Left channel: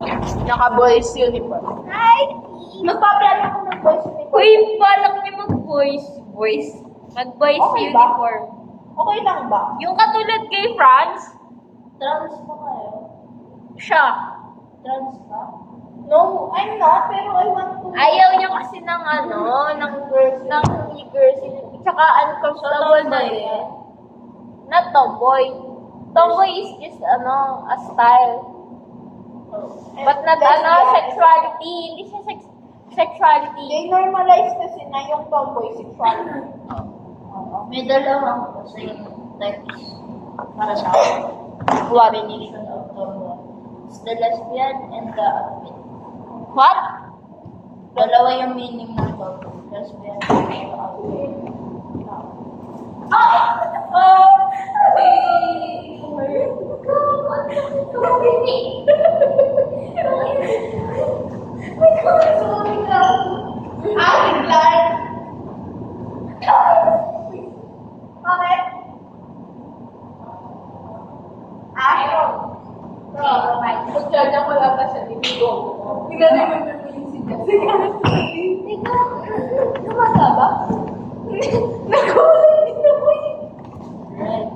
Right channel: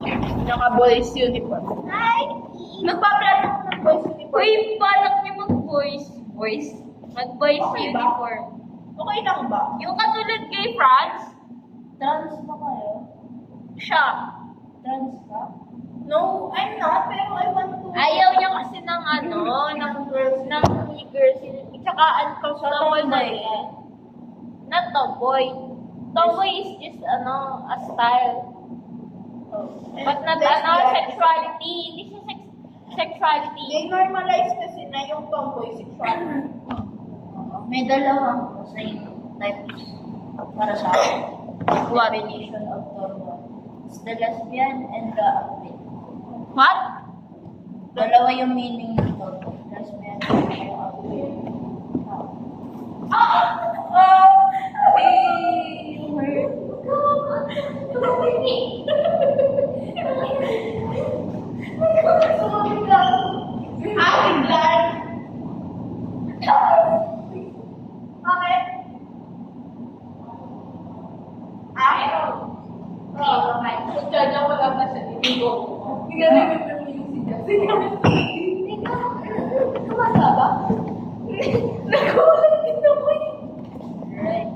Naka-boys uniform. Hi! Magpa-plan ako ng boys uniform. Uy, balak niyo mag-boys. Mag-boys Okay ba? uniform. Okay lang ba? Yung katulad kay Franz, Trans ba kayo? siya. Trans ka? No, I'm not, pero I want to. Ayaw niya kasi ng ng girls, ng e-girls. Tsaka uncomfortable na eh. Not tomboy. Tomboy is just a style. But not sexuality. Hindi siya sexuality. They normalize kasi na yung tomboy sexuality. May dalawang same types para sa akin. What? Definition of tomboy. It's the lesbian and the outfit. What? Dalawa yung meaning ng tomboy. Lesbian and the outfit. Right.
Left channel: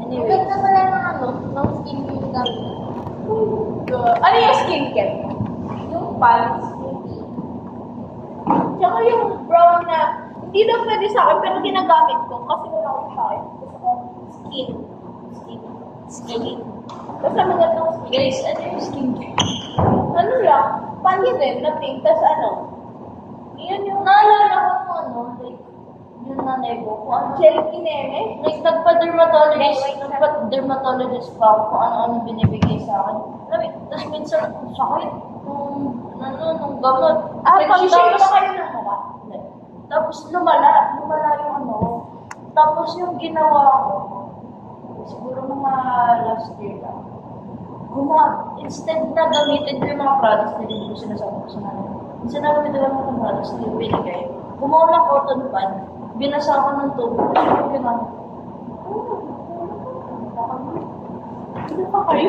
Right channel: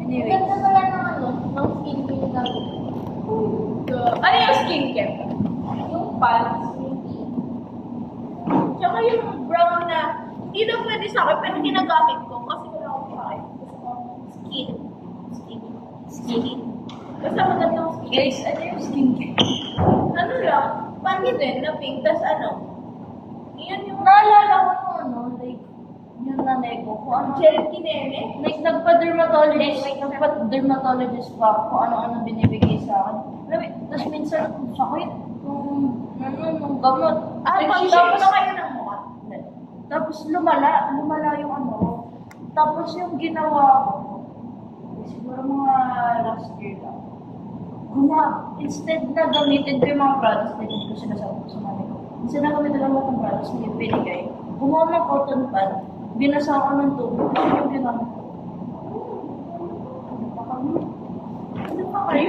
Anyway, Ganda pala ng skin yung gamit. Ano yung skincare? Yung pants, yung Tsaka yung brown na, hindi daw pwede sa akin, pero ginagamit ko kasi wala akong sakit. Gusto ko skin. Basta magandang skin. guys, ano yung skincare? Ano lang, panty din na pink, tas yun yung Naalala ko like, yung nanay ko, kung ano, gel kineme. like, nagpa-dermatologist pa ako kung ano-ano binibigay sa akin. Alam mo, tapos minsan, ang sakit nung gamot. Pag-shave ba kayo ng mukha? Tapos lumala yung Tapos yung ginawa ko, siguro mga last year lang. Instead na gamitin ko yung mga products na hindi ko sinasabi ko sa nanay ko. Instead na gamitin ko lang mga products na yung binigay. Gumawa ng cotton pad, binasa ko ng tubo, tapos yung ginamit ko. Ano pa kayo?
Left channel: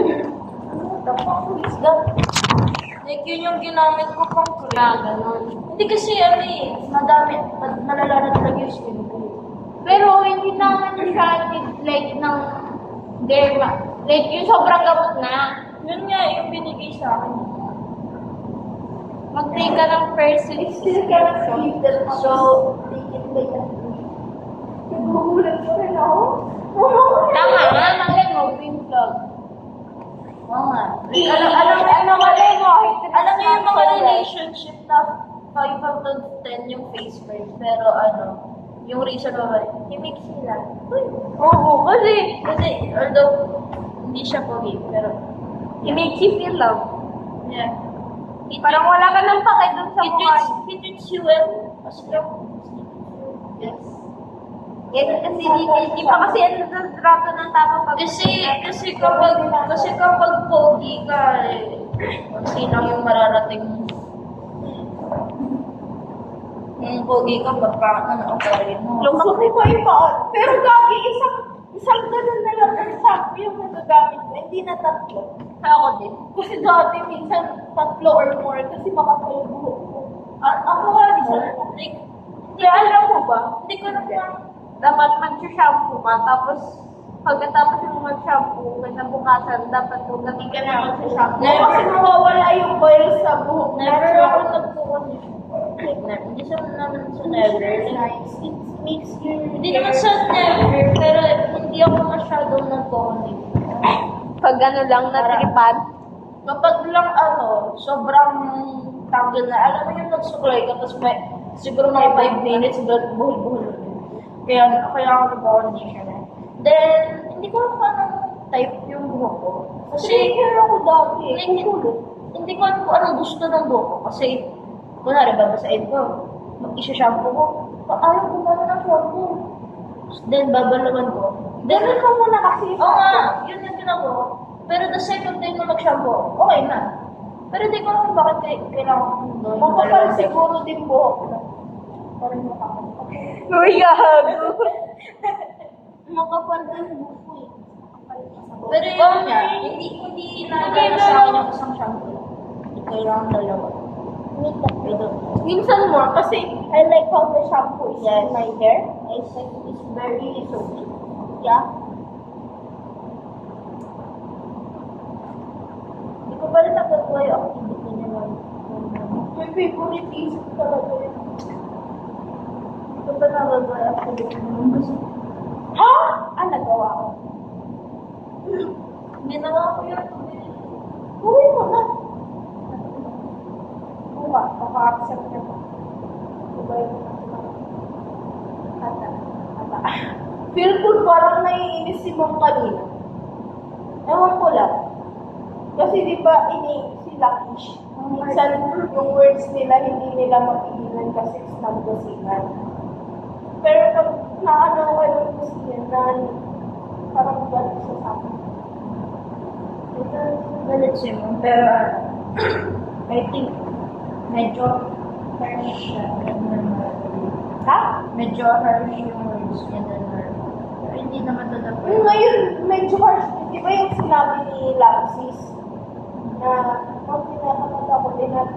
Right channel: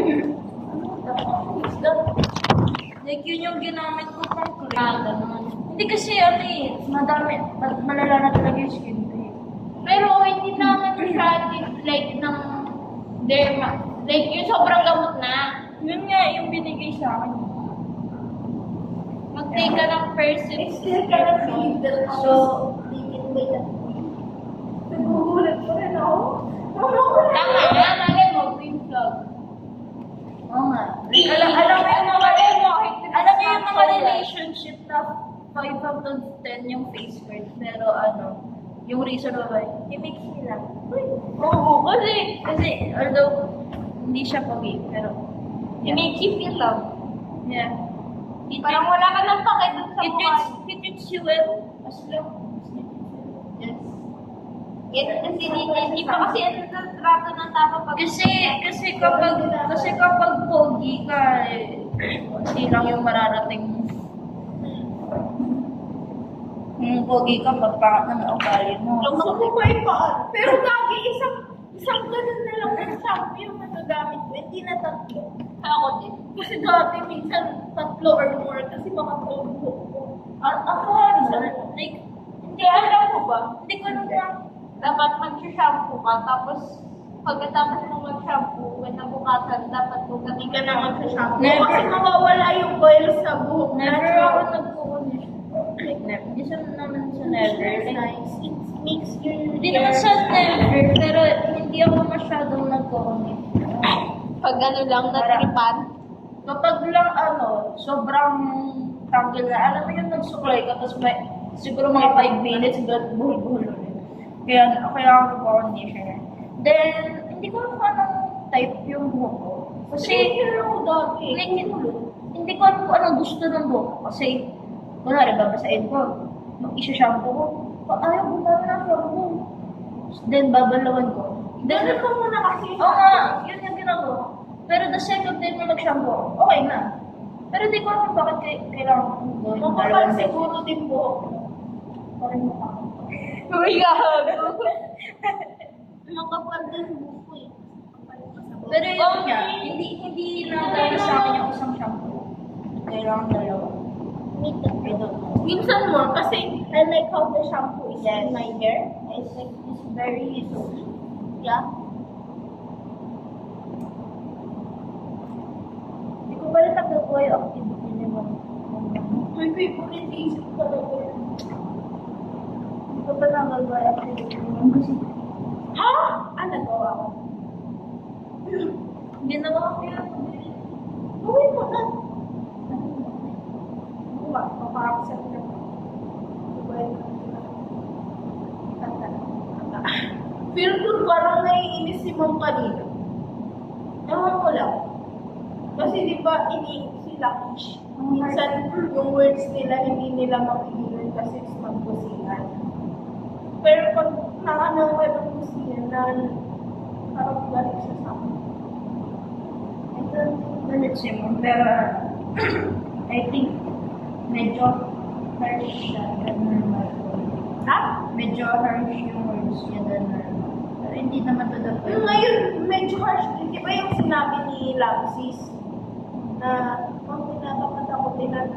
What the fuck is that? Like yun yung ginamit ko pang cream. ganun. Hindi kasi malala na talaga yung skin ko eh. Pero hindi naman siya like ng derma. Like yung sobrang gamot na. Yun nga yung binigay sa akin. Mag-take ka ng person. I still cannot believe that So, taken by that queen. Nagugulat ko rin ako. Tama nga, malay mo, green flag. oo nga. Alam mo Yung mga relationship na 5 out of 10 yung face first, pero yung reason why, he makes me laugh. Oo, kasi Although, hindi siya pogi, pero, it makes you feel love. yeah. Parang wala ka nang pake dun sa mukha. He treats you well, as long as he treats you. Yes. Kasi hindi pa kasi ang trato ng tao pag Kasi kapag pogi ka, konti lang yung mararating mo. Pogi ka, rin mo. Gusto ko pa yung paan. Pero gagi, isang ganun na lang ng shampoo yung nagagamit ko. Hindi na tatlo. ako din. Kasi dati minsan tatlo or more kasi makapal buhok ko. Ako nga, like, Kaya alam mo ba? hindi ko naman, Dapat mag-shampoo ka, tapos pagkatapos mo mag-shampoo, kinabukasan, dapat Hindi ka na magsashampoo. Never. Kasi mawawala yung oil sa buhok. never ako Natural. nagpo-condition. Like, hindi sa naman sa never. It's Like, nice. It makes your hindi naman sa never, pero hindi ako masyadong nagpo-condition. pag ano lang, natripan. Kapag lang sobrang tanggol na, alam mo yung nagsuklay ka, tapos siguro mga 5 minutes, buhol-buhol na. Kaya ako nagpo-conditioner. Then, hindi ko alam kung anong type yung buhok ko. Kasi, Trigger ako dati. like, hindi ko alam kung anong gusto ng buhok ko. Kasi, kunwari, babasahin ko, mag-isa-shampoo ko, ayaw gumana ng shampoo. Then, babalawan ko. Ganun ka muna kasi. Oo nga, yun yung ginagawa. Pero the second time na mag-shampoo, okay na. Pero di ko alam bakit kailangan kong gawin. Makapal siguro din buhok ko. Parang mukha ko. Uy, gago. Makapal din buhok ko eh. Makapal pa sa Pero yun nga, hindi na sa akin yung isang shampoo. Kailangan dalawa. Me too. I don't know. Minsan more kasi I like how the shampoo is Yes. in my hair. I think it's very soapy. Yeah. Hindi ko pa rin nagagawa yung activity nila. my favorite isip talaga yan. Hindi ko pa nagagawa yung activity nila. Kasi Ha? Ah, nagawa ko. ginawa ko yun. Gawin mo na. Bukas, papa-accept niya po. Diba yun? Tata. Feel good parang naiinis si Ma'am kanina. Ewan ko lang. Kasi di ba sila Kish, minsan yung words nila hindi nila mapigilan kasi isang kusingan. Pero pag naano ko ng kusingan na parang galit siya sa akin. I don't think galit si Mom, pero I think medyo harsh siya than normal. Ha? Medyo harsh yung words niya than normal. Pero hindi naman to the point. Ngayon, medyo harsh din. Di ba yung sinabi ni Lapsis na pag tinatamad ako,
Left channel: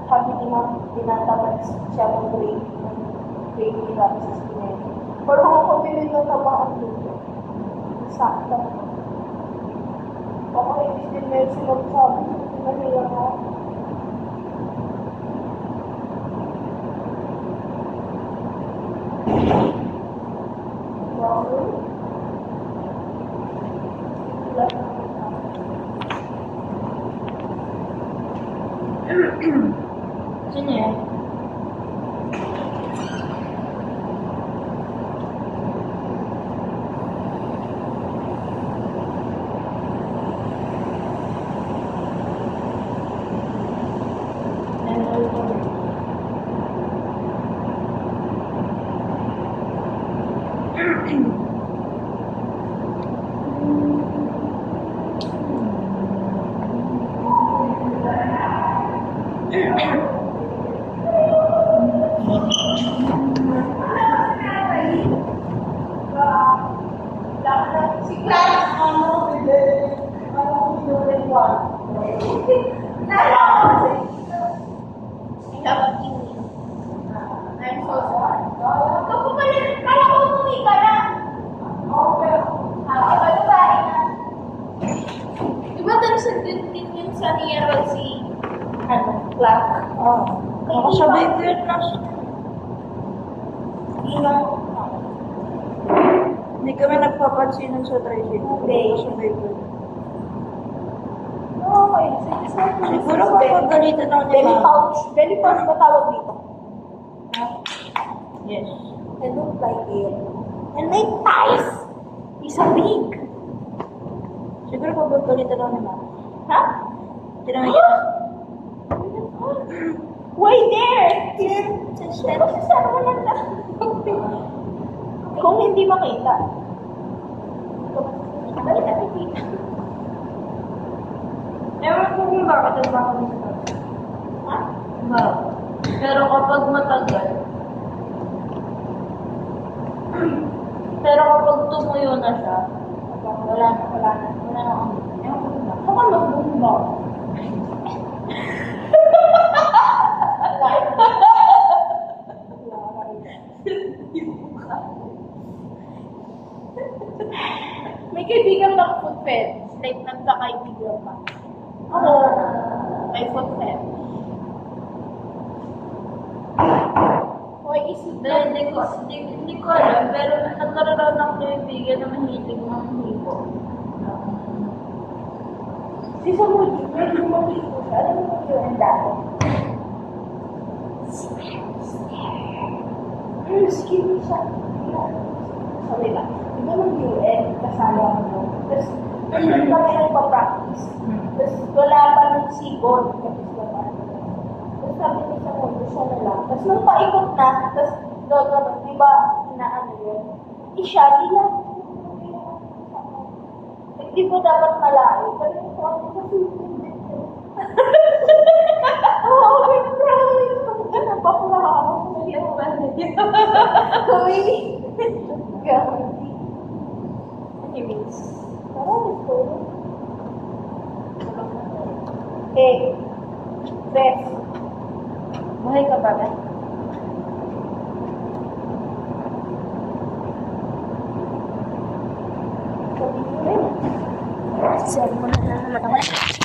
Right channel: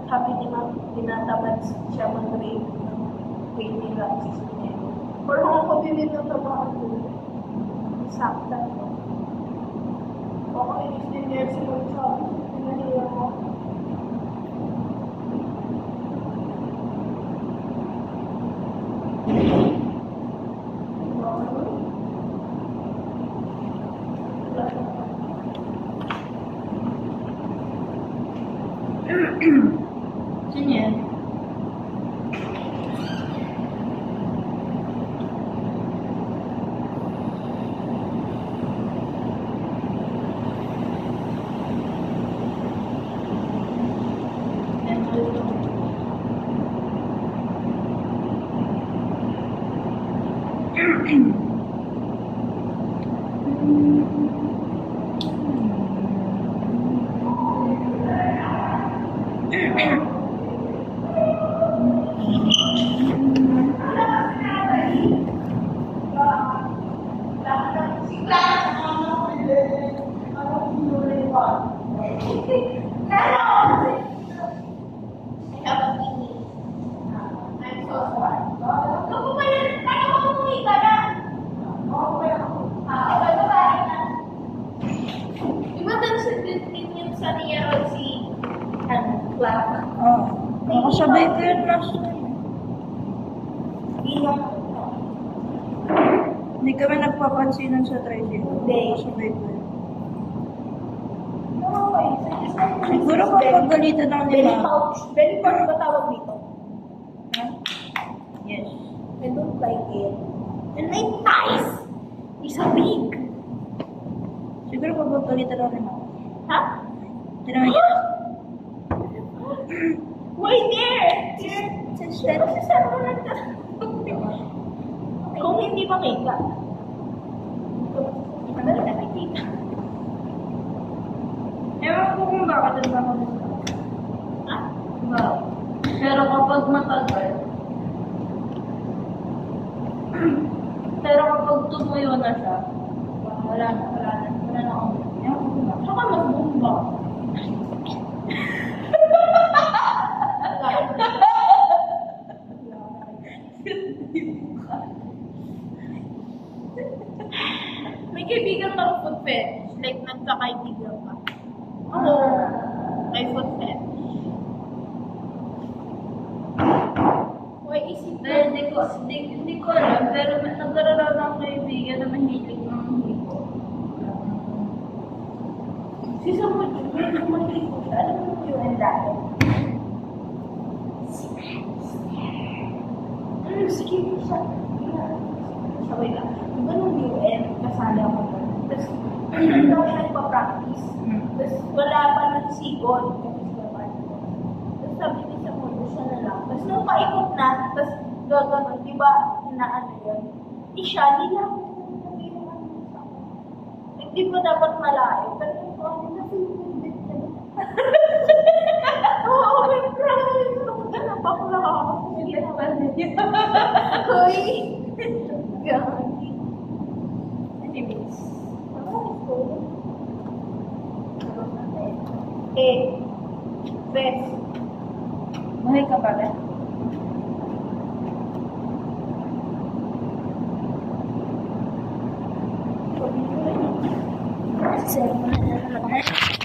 sabi ni Ma'am, tinatamad siya mag-grade ni Lapsis pinero. Parang ako din natamaan din. Sakta. Baka inis din niya si Ma'am sabi, pinahiya mo. Wow. Sino yan? And also, Si Clarence, ano, I'm so sorry. Ikaw po pala, kaya ko umuwi ka na. Babae na. Diba din yun sa Nero si Clark? oh, nakasabay ko yun last time. Inang Hindi kami nagpapansinan sa tricycle. Hindi. Nakasabay ko yun. okay. Siguro papagalitan ako Belly nila. pouch. Belly pouch ba tawag dito? Yes. I don't like it. And my thighs is a big. Siguro papagalitan ako nila. Ha? Tinawag kita. Why there? Pero si Sir mo lang ka. Kung hindi makita. Balik na nakikita. Ewan ko kung bakit ang baka nito. Ha? Bakit? Pero kapag matagal, pero kapag tumuyo na siya, wala na ako. Ewan ko kung bakit. Saka mas bumba. May kaibigan bang food fetish? Like, nagkakaibigan pa. Ako, may food fetish. Why is it Dahil hindi ko alam, pero nagkaroon ako ng kaibigan na mahilig manghipo. Si Samuel, medyo mahilig ko siya. Alam mo yun dati? Sige, siya. Sabay lang. Diba nung UN, kasali ako doon. Tapos, nandun kami nagpa-practice. Tapos, wala pa ng sigon. Kasi sila pa. Tapos, sabi ni Samuel, siya na lang. Tapos, nung paikot na, tapos, gagano'n, di ba, na ano yun? Siya, di lang. Hindi po dapat malayo. Pero yung sabi na pinipindit na. Oo, may promise. Ano, bakla ako. Hindi ako ba niya? Uy. Gagi. Anyways. Promise ko. Bes. Buhay ka ba, Ben? Sabi niyo rin. Cellphone na naman ako.